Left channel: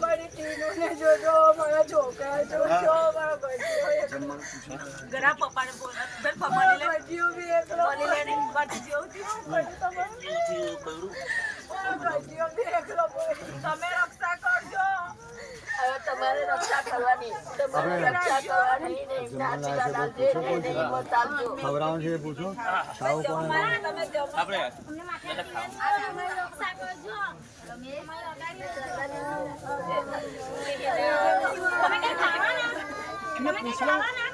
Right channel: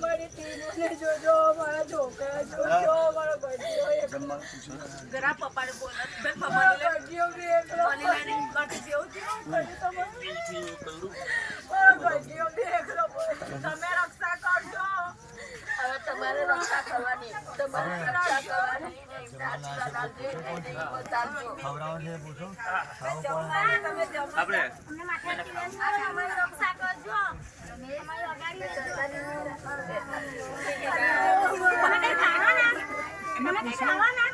મારી ટીનું ને જોજો, મારા છોકરા જોજો, મારો ગઢિયો જરા પપ્પાને બોલ પપ્પાને લે ગઢિયો બી એકલો ગઢી જેવું ગઢિયો બી એકલો તમે રક્ષા કરજો. હવે તમારે રક્ષા કરવાની, તમારે રક્ષા કરવાની ખવડાવવાનું છે પૂછો તમે જમવા અમારી રક્ષા કરજો.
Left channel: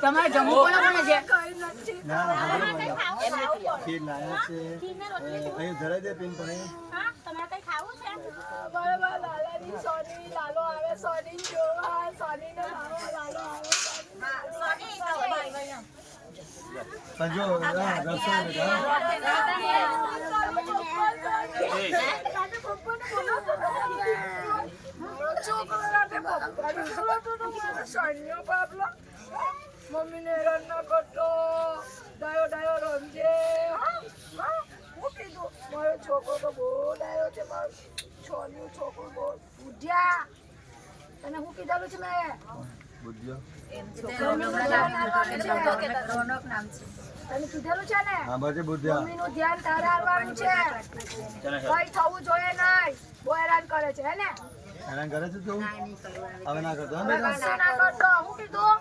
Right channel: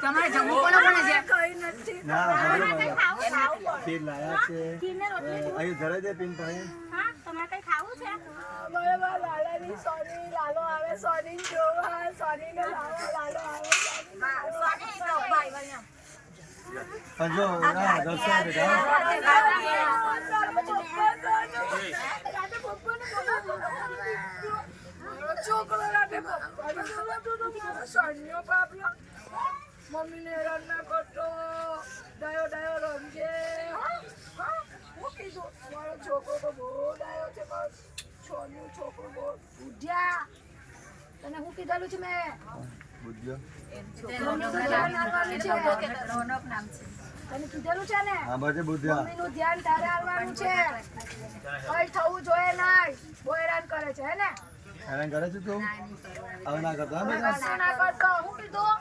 તમારે જમવું કોને કોને છે? કઈ નથી. ના ખીર લાયા છે અહીં ધરે દે પિન પર તમારે કઈ ખાવું છે? મારા લાલાની સોની લાલો આવે, સોની જોવા, સોની ને લાવો, લાલો આવે, સંજો દર્શન બેટા મમ્મી ને હેરાન ના કરતો, ડાયો ડાયો રમજે. હું કીધું મારો છોકરો તો બહુ ડાયો છે, મારો છોકરો બહુ બુઢિયા. તને હું કીધેલું છે મેં બુદ્ધિઓ મમ્મીનું ધ્યાન આપવાનું છે. તને કીધેલું છે ને હા બાજુ બુદ્ધિયા મમ્મીનું ધ્યાન તારે આપવાનું છે. કઈ થવું જોઈએ નહીં. બહુ હેરાન કરે છે હે ને? હેરાન કરે છે તું હવે ના કરતો હા બેટા કશું ના કરતો. હું કીધું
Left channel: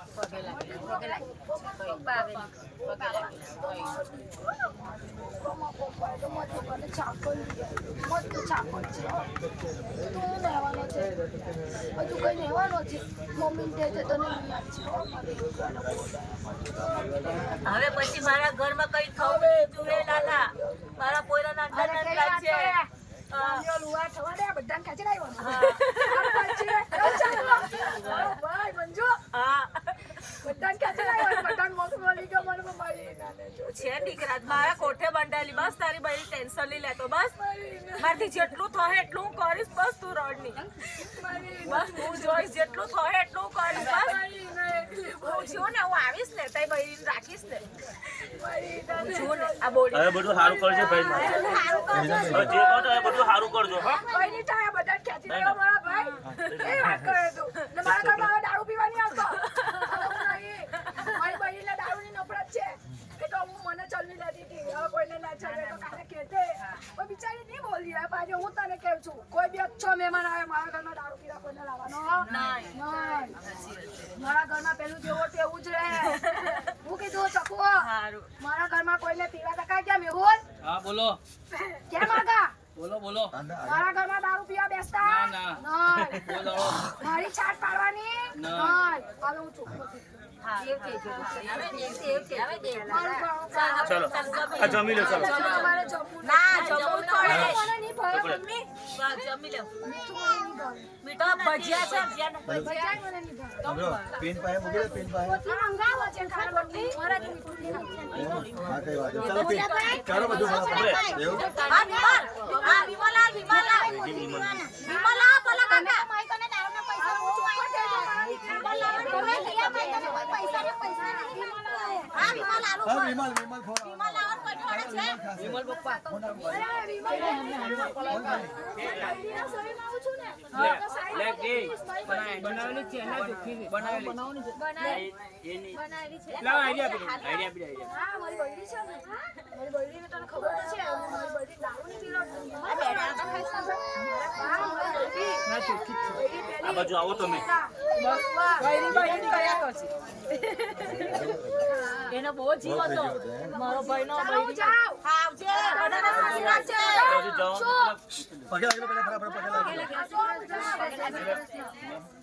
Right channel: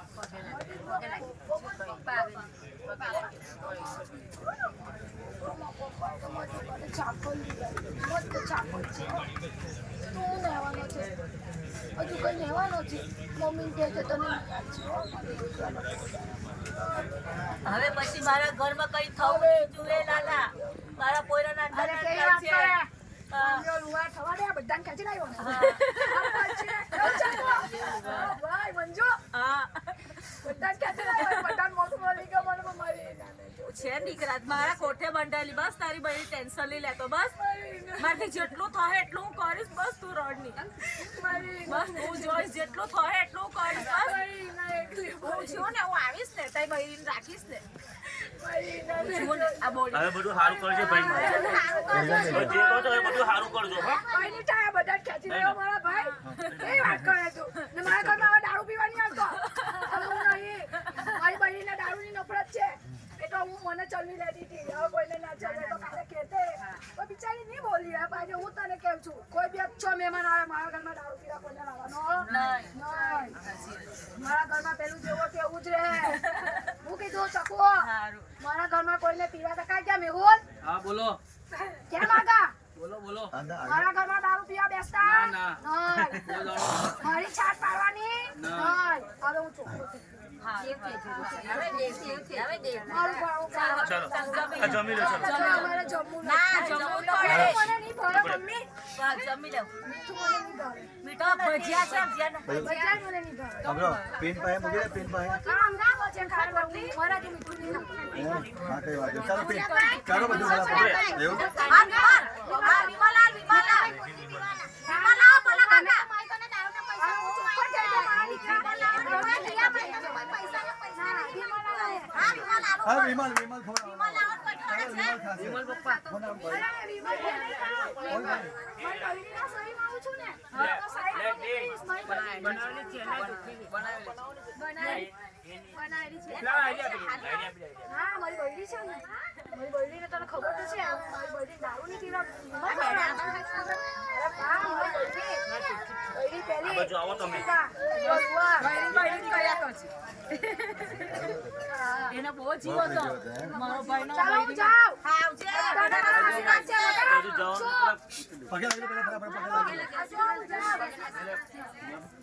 તું નહેવાનો છે, હજુ કઈ નહેવાનો છે. મમ્મી કહે છે તને યાદ છે હો, મારી દીકરાને બહુ દયા. હવે પછી મારા ઘરમાં કઈ થવું જોઈએ લાલા. મારા પોયરાના અરે અંદરના કઈ લાગ વાત છે. કરે? સાંભળ્યો લુવા થવા દે, બધાને ખેંચી લાવ્યો. ભાઈ મંજુ હા બધાને ખેંચી લાવ્યો. બધાને મોત મળી ગયો મને, પણ મારી નાને જો છે દીકરા મારા કોઠે બંધાયેલી. બસ તારી બધી ટેન્શન નહીં લેતો. બસ મારી મારથી જેટલું થાય એટલું હું કરીશ. બસ તું રડ નહીં. મારી બસ હું જોઈશ જેટલું થાય એટલું હું કરીશ. બસ મારી ના એકલી હું છું ને, હું આવીશ ને તઈ બહેરીને રાખીશ ને. મારી ના છું ને આ બોડી હવે બધું સારું કરજો ભાઈ હવે જે કહો તો એ બધું સારું કરજો હા કઈ નહીં થાય. બધા ખેંચી લાવ્યો મારા ભાઈ. એ વાત કરે તું ને મારા ઘરમાં હવે દારૂ પીવાની આવતો. હવે હું નહીં. મારી બહેનને દારૂની નફરત છે, એ તો હું મને ચલવી લેતી હતી. હવે કોઈને ના ચલવે તો કાલે કહેતે. પણ બિચારી નહીં બોલી. હવે પાછું હું તને કહું છું, કોઈ બી 6 મહેમાન આવે મારા ઘરમાં દારૂ પીવા કોઈને લાવવાનો નહીં. મારા ઘરમાં પેલું જેવો તેવું જ રહે. હું કીધું ચકુ મારા ઘરમાં કોઈને પીવા ટકાય કેમ એવું? હા બોલો કેમ આગા? બોલો બોલો મારા ઘરમાં દારૂ પીવા બેસતા નહીં. મારી છાટ પાડવાની નહીં. હવે હું છોકરો છું. મારું ગાણું ચલો આ જમી લો ચલો ચલો, અમારે જમવું ના નથી. જમવું તો મને નહીં ભાવે મમ્મી. બસ જમી લે. મીઠું મને નહીં ભાવે. મીઠા ભજીયા છે ભજીયા બજાર મને નહીં ભાવે. સાંભળો પિન પાસે મૂકી દે પિન પાસે આ અંગારો છે ખાવા બદલી. મારાથી મીઠું નહીં નાખતું. હા કઈ વાત નહીં. ચાલો પિન કરો બધું ફટાફટ એવું આ વિમલા બોલા કાકા. આ હું ચોખ્ખો થઈ ગયો મારા દીકરા. હા વિમલ વિમલ ફોન ખાશે અરે વિમલ નહીં ખાવ. મારી બહેનીના શરીરમાં આવું છું ને. તો સાઈડમાં મૂકીશ. મારી બહેની હા મારી બૈરી છે ને. મારી બૈરીને તને ખબર તો છે. હું મારી બૈરી દારૂ નહીં પીવડાવતી. અરે બા મારી બૈરી પેલી આ બાજુ આવો તમે એનો બહુ જીવ હતો મારો ભાઈ નો. ચાલો હું જાઉં. આવજે. બધાના આશીર્વાદ છે બધા. શું? પગે લાગી પેલા ફટાફટ પગે લાગી આ શું હું જાઉં?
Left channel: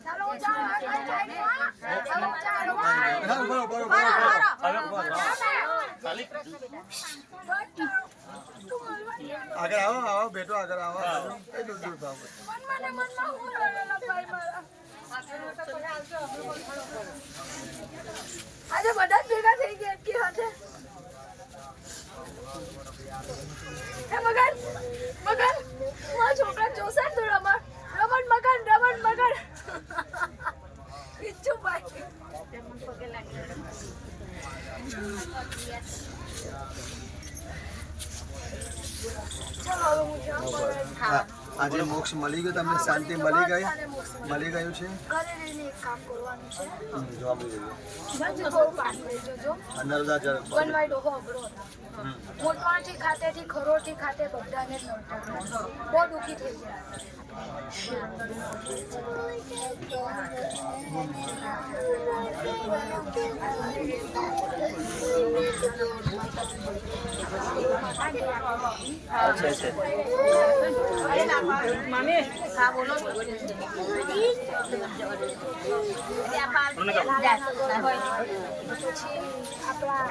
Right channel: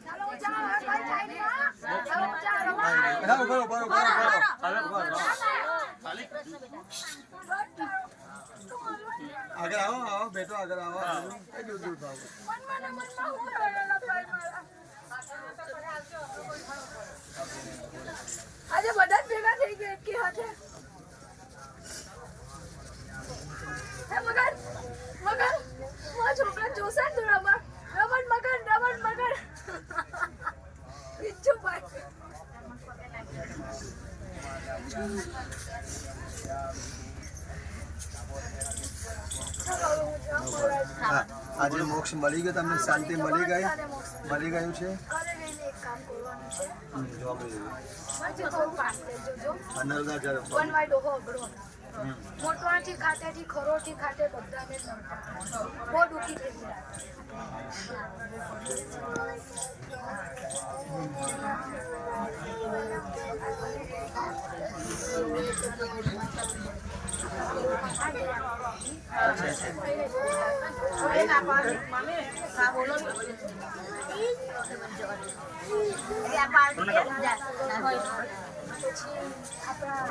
ચાલો હું જાઉં. હવે કોઈ જાય નહીં, હા? ચાલો હું જાઉં. ના ઉભો ઉભો ઉભો જાઉં ને. આગળ આવો આવો બેટો આગળ આવો બાજુ કઈ દૂર દૂર થાવ મનમાં ને મનમાં હું રહેલા ભાઈ મારા આજે બધા જ ભેગા થઈ ગયા કે હાથે હે મગન મારા છોકરા જોશે ને રમણ મગન ઈચ્છું ભાઈ ચાલો હવે હું જાઉં બોલાય આજે મોક્ષ મળી ગયો તમને શાંતિ મળી ગયું છે ઘરે રહીને એક કામ કરવાનું છે જવાબ લઈ લેજો આજે થોડું પાણી લઈ જજો નર્મદા જળ વનવાઈ ડોહો અઘરો મોટવાથી ખાતેથી ખરોડથી ખાતે બધાને જ નડતા બહુ દુઃખી થઈ ગયા પછી આપણા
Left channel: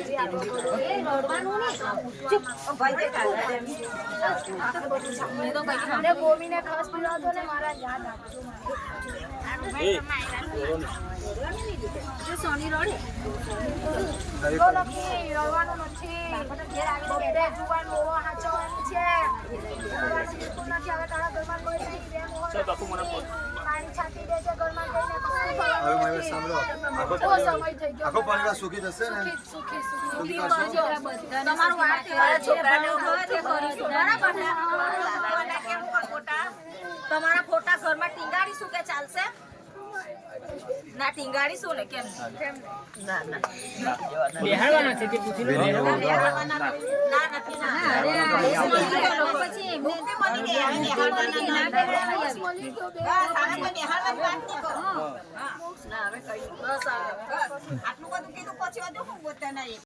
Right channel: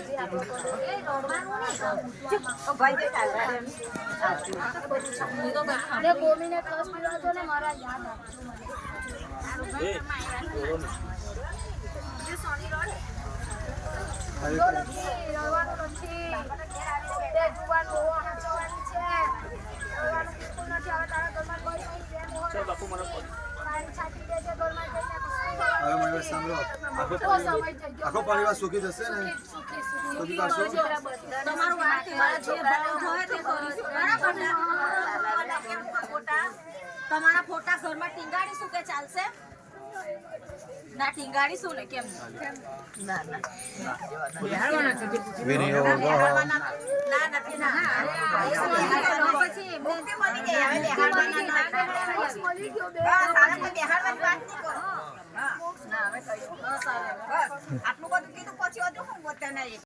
જે આપણો ગળો એ નડવાનું ગોમીને ખસ પીવાજો ને મારા યાદ આપજો જો લખી રડવાનું નથી બબ્બે જુવાન મોવો હાચવાની છે રડવાનું બિલકુલ નથી હવે તારા ઘરમાં કોઈ નહીં બે મોહર પાણી છાંટી દેજે ઘરમાં જઈને કશું હવે મયુર સાંભળો બહુ સમય થઈ ગયો આખો પરિવાર સુખી થશે ને સુખી સુખી કરશો તમારું વાત મારા છોકરાને જોયે તે કરીશું બરાબર ને તમારા ફોટા ઘરમાં ટીંગાડીશું કે ચાલશે ના ટીંગાડીશું ને કેમ ના નથી ના મુક્તિ મળી ગઈ હવે બેહાડવાના ના મળી ગયો બે બસ હવે કોઈ બેહાડવાની વાત નહીં કરો હા ના હવે કહ્યું બસ હવે બસ આટલું બધું કીધું પછી હજુ હું બોલતા નહીં